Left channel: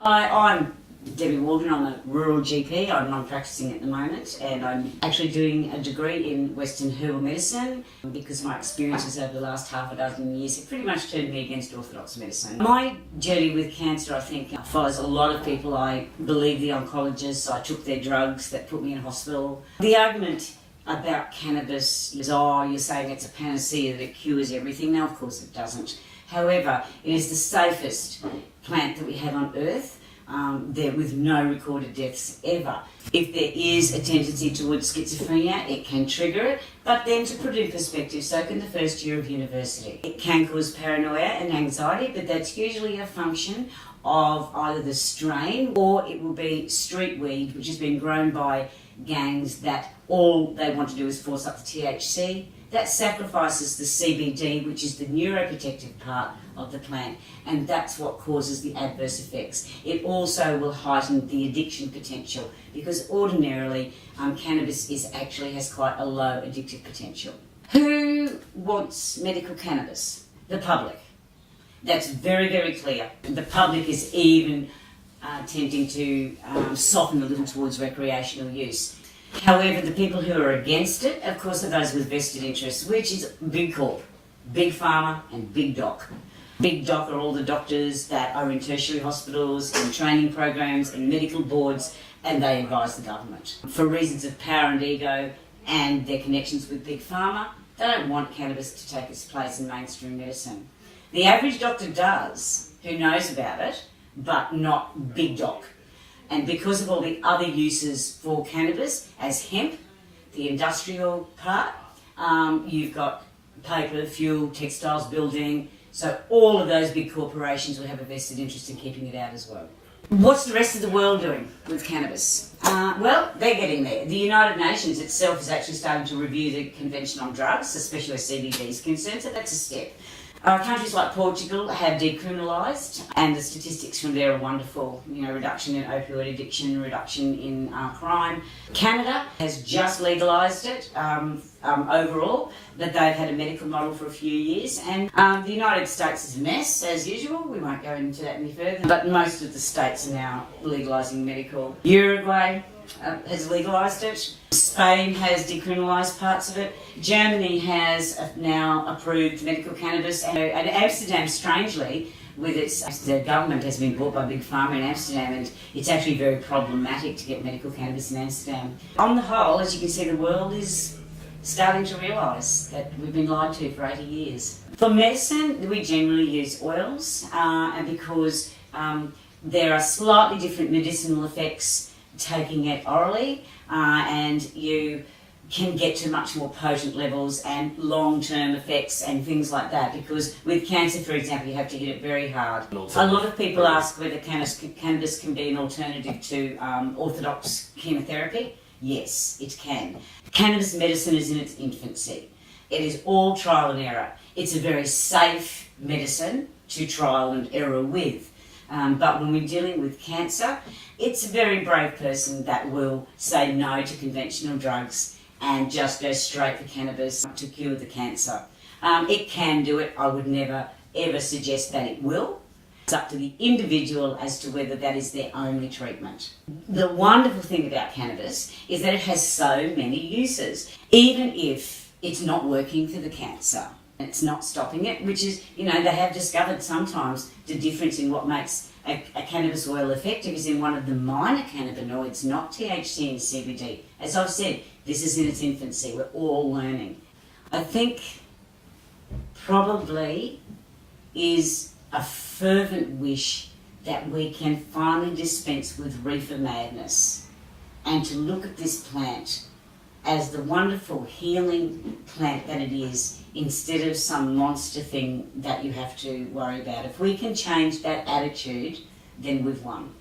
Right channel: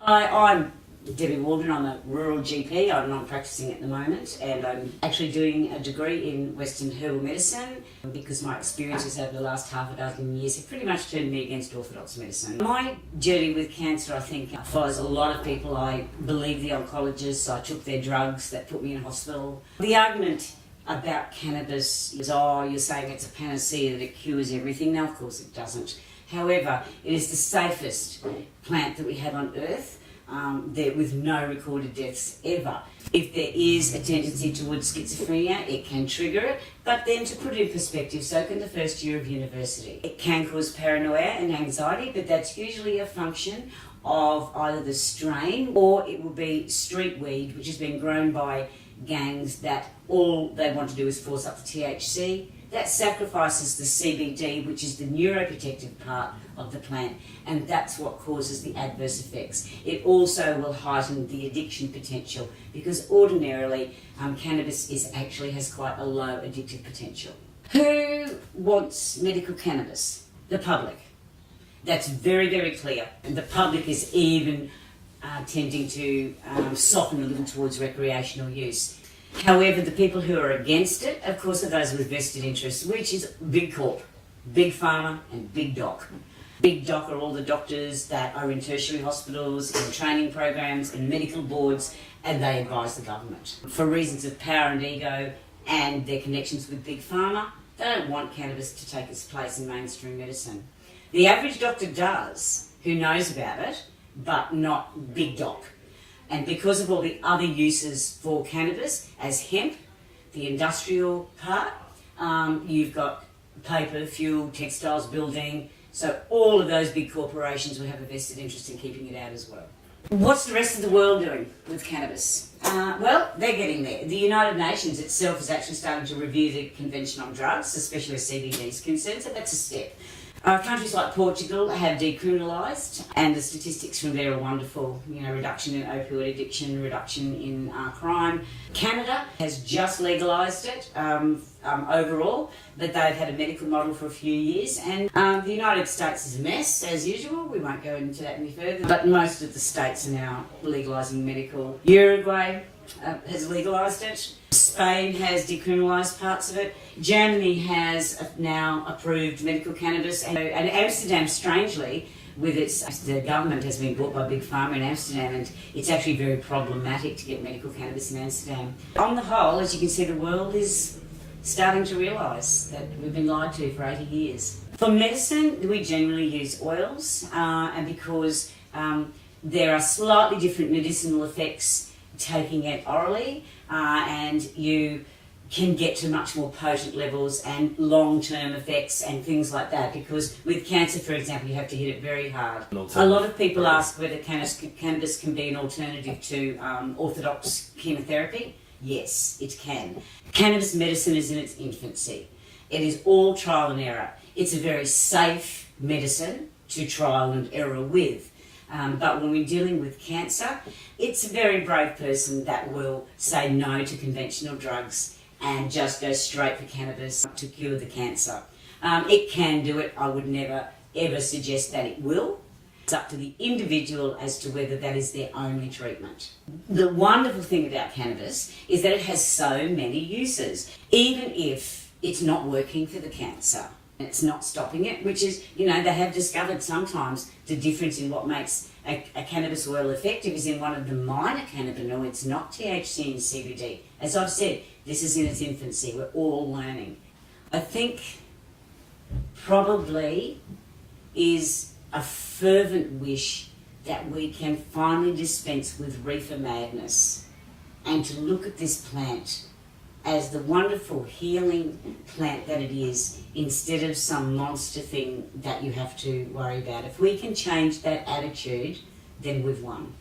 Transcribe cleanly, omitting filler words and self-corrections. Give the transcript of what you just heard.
Hi, I'm Debbie Waldron. I'm a rural GP. I'm non-practicing at the moment, and I'm actually doing a degree in Western herbal medicine because my experiences over the last half a dozen years have pretty much turned me against orthodox medicine. My journey with cancer, I think, follows a lot of people. I believe the oncologists. I took their drugs that put me in hospital. The argument about cannabis is, you're saying it's a panacea that it cures everything. Now, of course it doesn't. However, it is the safest plant that we have on earth, there with no recorded deaths ever. If there is a tendency towards schizophrenia, it can trigger it, but then to put it in perspective, so can the first year of university. It can cause paranoia and anxiety, but that's usually a function of either the strain or it will be street weed, which has been grown by gangs that all they want to do is force up the THC. That sacrifices the CBD, which is the neuroprotective part of the plant, and that's what causes the adverse effects. It also will heighten the addiction potential because ordinarily cannabis actually has quite a low addictive potential. Who wants medical cannabis? The public. That's very, very clear. The public is even tending to soften a little towards recreational use. However, the people who are against it, of course, are those with vested interests, which is big corp, big pharma and big doc. Big doc are all the doctors that are in tertiary hospitals, in training programs, in medical boards, and they advise the government. For reasons of power and ego and their connections with big pharma, they don't want cannabis to take its place in mainstream medicine. The average doctor does, who knows about it, but not big doc. And because of all the other uses for cannabis, as hemp, the industrial part, you've got paper, fuel, textiles, building, so all of those big corporations will have a vested interest in keeping it out as well. What's the rest of the world doing with cannabis? Well, they're getting there. The United Nations itself is actually starting to review the Convention on Drugs, especially where CBD is concerned, so that's a step. Countries like Portugal have decriminalised, and the statistics from there are wonderful. Reduction in opioid addiction, reduction in crime. Canada has just legalised it overall, but they've had a medical model for a few years. And the United States is a mess, as usual. We won't go into that any further. But most of the states are now legalising medical. Uruguay has legalised it. Spain has decriminalised parts of it. Germany has now approved medical cannabis. And Amsterdam, strangely, the government has been bought by Big Pharma in Amsterdam, and it's actually very problematic to get medical cannabis in Amsterdam. On the whole, as you can see, the world is starting to realise that we've been lied to for 80 years. For medicine, we generally use oils, and because there are slightly different medicinal effects taking it orally, and you can get to much more potent levels and long-term effects and things like that, because with cancer, for example, you have to hit it very hard. A lot of people ask whether cannabis can be an alternative to orthodox chemotherapy. Yes, it can. Cannabis medicine is in its infancy. It is all trial and error. It's a very safe medicine to trial and error with. But when we're dealing with cancer, it's a very brave person that will say no to conventional drugs and just go straight for cannabis to cure the cancer. It can do it. I would never ever suggest that it will. It's up to the individual as to whether that is their only treatment. The wonderful thing about cannabis is that it has so many uses. Even if it's not working for the cancer, it's not stopping it, which is, they have discovered sometimes the difference in what makes a cannabis oil effective is in one of the minor cannabinoids, not THC and CBD. As I've said, this is in its infancy. We're all learning. I think probably is a fervent wish that we can finally dispense with reefer madness and to look at this plant as the wonderful healing plant that it is, instead of some monster thing that you have to worry about. If we can change that attitude, then we've won.